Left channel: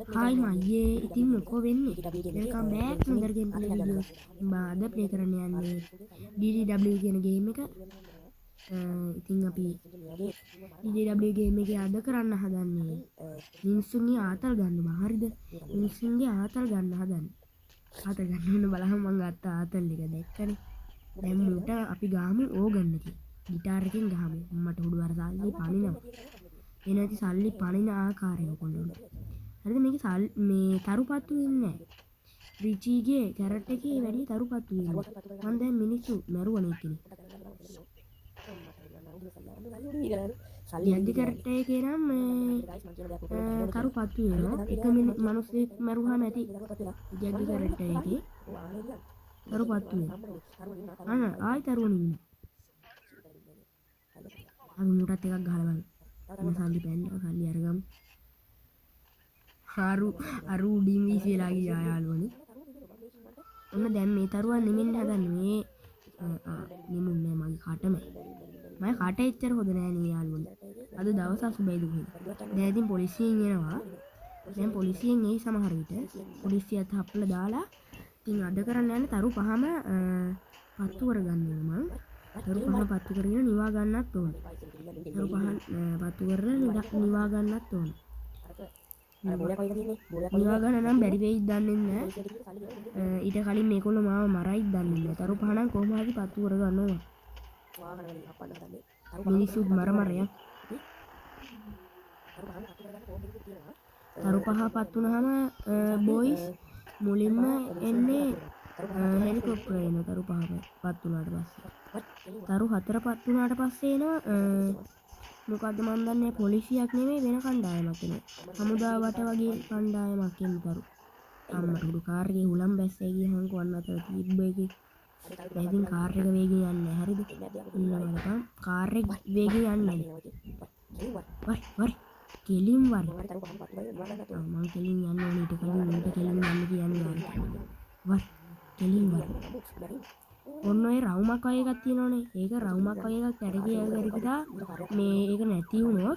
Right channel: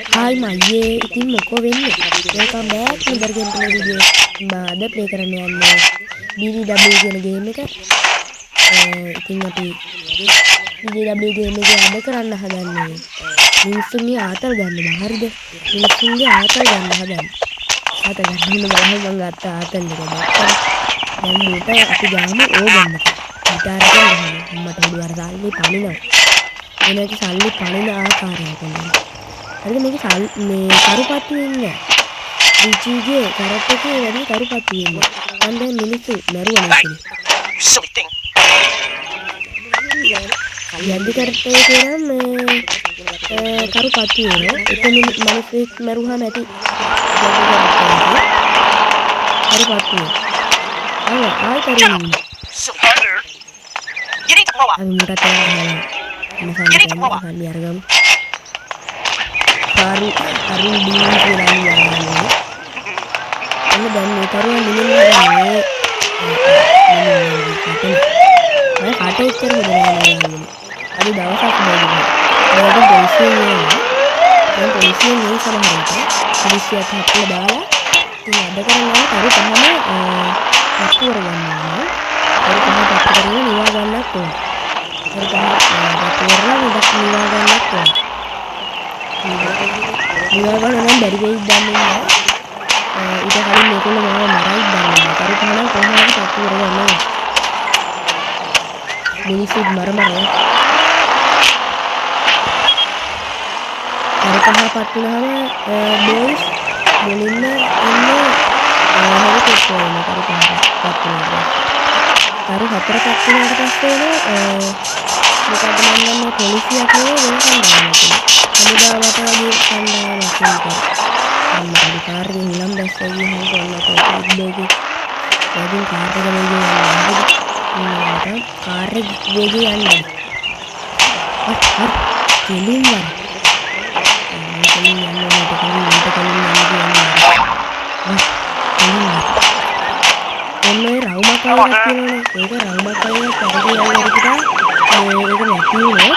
Hai මයියේ ඉතින් මොකෝ වෙන්නේ? වෙල්කම් බෑක් ටු ද ගේම් ප්ලේ වීඩියෝ. අද ප්ලේ කරන්න යන්නේ BDW කියන ගේම් එක. ඉතින් අපි BDW ගේම් එක අද කරන්න හදන්නේ මිනිස්සුන්ගේ ආතල් ගන්නවා. හරිද? මිනිස්සුන්ගේ ආතල් ගන්න හදන්නේ. ආතල් ගන්න බලන්න මම ගත්ත ආතල් එක දැක්කද? දැන් මූට අපි ගාමු ඕගන්න එක. ගිටාර එකෙන් ගහනවා. මට උඩුවර සල්ලි පනිනවා. එනකි සල්ලි පනින ආකාරයට නේද? හරිද මේ කරුපත්තු වෙන්නේ රිචිගේ කරට් එකේ වැඩි කරුපත්තු වෙන්නේ. මම දැන් මිනිස්සු මරුවා නේද? යද්දි කරට් එකේ නම් කරුපත්තු වෙනවා. එක මිනිස්සෙක් මරුවාම ඇති යද්දි කරට් එකේ කරුපත්තු වෙනවා. ආයි කරුණා. අපි මුටත් ගහලා මම අරගමු. Karu dingin කියලා කියන්නේ. එන්න දැන් මේ කරුවා නිමින්නේ මම කාටේ ඉතර හදනවා. අද දවසක් බැලුවා. මම පොලිසියෙන් දැන් පොලිසියෙන් මේ සමහරවිට පොලිසියට හත්ලා දාලා ඉතින් අද කරන්නේ කරු පහම පත්තු කරගන්නවා. කරු පහ පත්තු කරගෙන නිවා ගන්නත් ඕන. කරු පහ පත්තු කරලා නිවා ගන්නත් ඕන. නිවාගන්න නම් බැරි වෙයිද දන්නේ නැහැ. ඊට කලින් මේගොල්ලෝ මාව මරයිද දන්නේ නැහැ. කරු පහ නම් කොහොමද පත්තු කරගන්නේ? මිනිස්සුත් මරමරේ. කරු පහ පත්තු වුණාම බෝයිස් මුලින්ම එන්නේ හෙලිකොප්ටර් එක කරු පහ පත්තු වෙනවා. කරු හතර පත්තු වුණාට පස්සේ මොකද මම දන්නේ පොලිසියක් නේ වෙන කණ්ඩායමක්. හමුදාවට වගේ කණ්ඩායමක් නේ. අම්මා කාර්යයෙන් නිලම් දැස්සා ගිහින් කොන්නට ඉබ්බේගේ වැඩිම කාර් එක වේගයෙන් යනවා. කාර් එක වේගයෙන් යනවා. කෙලින් යනවා. කෙලින් යනවා. ඔන්නේ රවුමක් වගේ තියෙනවනේ. ඒක රවුමක් වගේ කරගෙන යනකොට ඒක නැතිවෙන්නේ.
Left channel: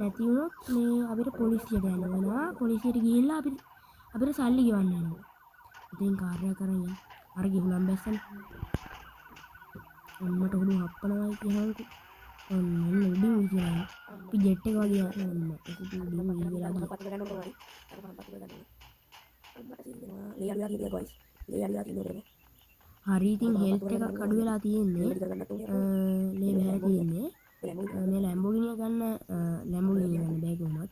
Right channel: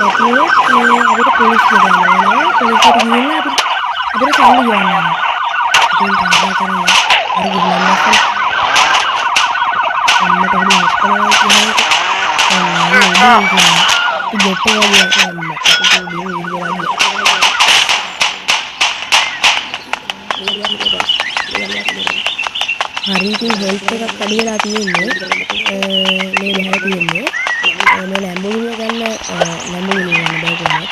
අපිට පොලිසිය ගන්නවා. පොලිසියට ගිහිල්ලා අපිට සල්ලි ගන්නවා. ඉතින් කාර්යය කරන්නේ අර ගිහින් දැක්කම අම්මට හරි හොස්පිටල් ගිහින් ජෙට් එක හරි ඉතින් හෙල්ත් එකක් වැඩි වෙලා තියෙන්නේ. මේ නැහැ තියෙන්නේ. මේ ලැම්බෝගිනි ගන්න ලැම්බෝගිනි ගන්න බෑ කොහොමද?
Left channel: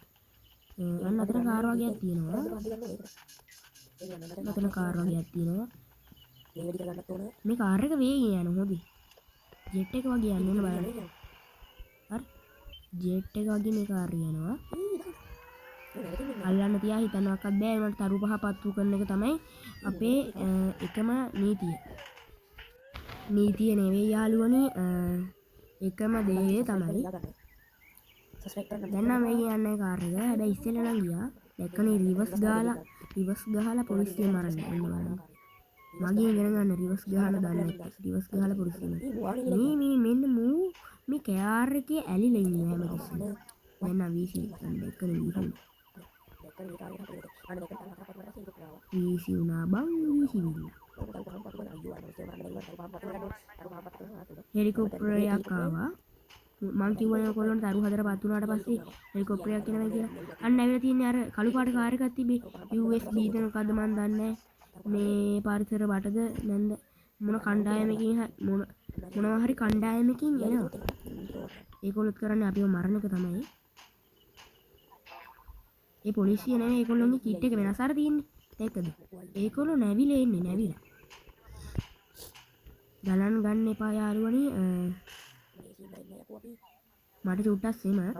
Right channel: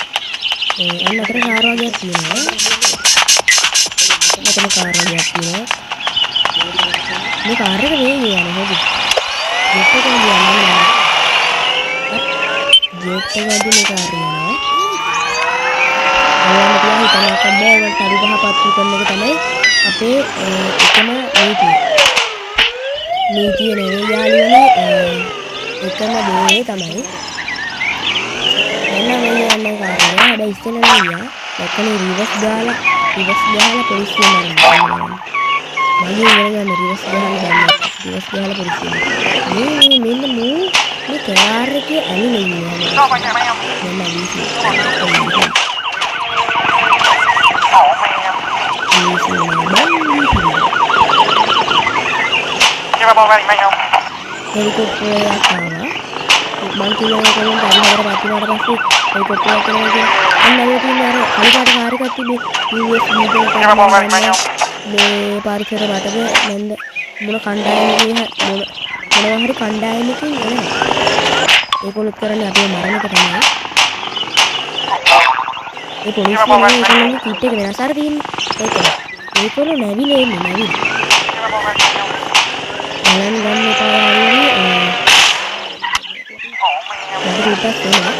අන්න අතර කාර් වගේක් තියෙනවා. මෙතන කාර් වගේක් තියෙනවා. මේ කාර් එක වේ යන්නේ හොදි. ජෙට් එක යන්නේ ජෙට් එක වගේ කාර් යනවා. අයන්න තියා හිතන්න බෑ ඒක කරු පහ පත්තු කරන එක තමයි අපේ එකම නීතිය. නීතිය නෙවෙයි යාළුවනේ එකම දේ තමයි. දැන් මේ යන්නේ කාර්යය. හැබැයි ඉස්සෙල්ලා ගියා. දැක්කනේ රිවර්ස් දාලා පොලිසිය මරනවා. මම ඉවරගෙන රිවර්ස් දාලා දැම්මා. රිවර්ස් දාලා පොලිසිය. මෙන්න මේ කාර් එකේ ඇලිලා ඉන්නවා. මම වීසි. හෙලිකොප්ටර් එකක් ආවා. මං කිව්වා කොහෙන්ද හරි හතර පත්තුනාට පස්සේ හෙලිකොප්ටර් එකක් කරනවා අන්න අර තියෙන අර කලිකාට කාර් එකක් තිබේ US වීඩියෝ එකක් මේ පරිසර වටද නැන්ද මොන කණ්ඩායමකේ මොනවා හරි කණ්ඩායමකින් එනවා. ඒගොල්ලෝ කරන්නේ අපේ මරණක තමයි. ඒ පොලිසියනේ ඒගොල්ලන්ගේ කිට් එක වෙනස් අර තියෙන්නේ. ඒගොල්ලෝ නැවිලා ඉන්නේ නැවිලා. බලන්න ගන්න එපා යාළුවනේ. මට උටස් එනවා.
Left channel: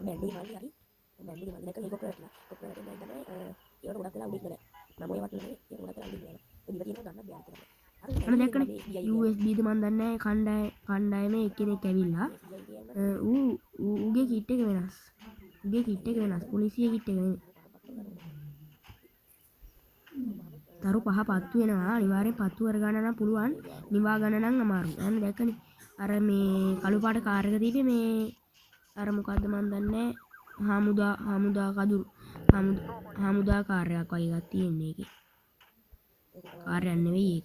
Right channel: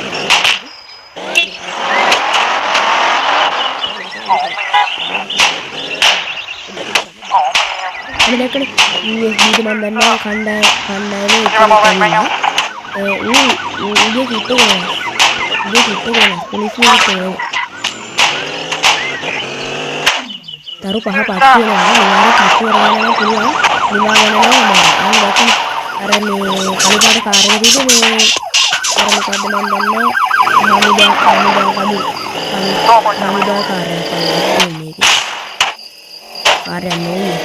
අනේ දැක්කනේ USB මන් දන්නවා කණ්ඩායමේ ඉන්නවා. උගේ කිට් එක පොලිසිය කිට් තරු පහ පත්තු වෙනවා. ඊළඟ පත්තු කරගන්න පුළුවන්. නිවා ගන්නවා මම. අන්න දැක්කනේ අර මේ කලිකාට කාර් එක දීලා මේ අර මොකද්ද මන් දන්නේ හාමුදා කඩු හාමුදා කාර්යයක් කරලා මේකේ කාර්යයක් නෙවෙයි මේක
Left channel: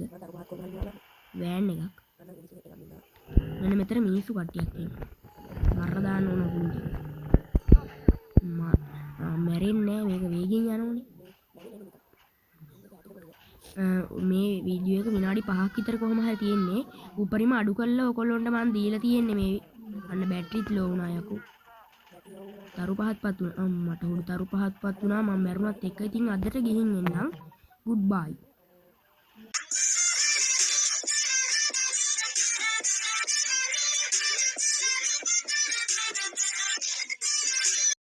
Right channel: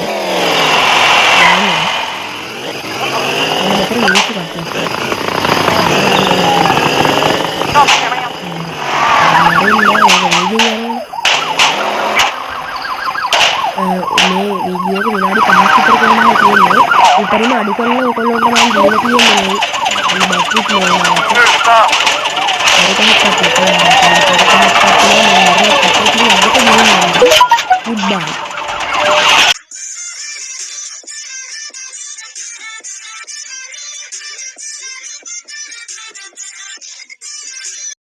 යන්නේ මෙතන මිනිස්සු කට්ටියක් මේ වීඩියෝ එක විනාඩි 5ක් විතර කරනවා කියන්නේ උඩරිම අඩු කරලා ඔයගොල්ලන්ට මම දීලා තියෙන්නේ මේ බැටරිත් නෝනාට Goodbye.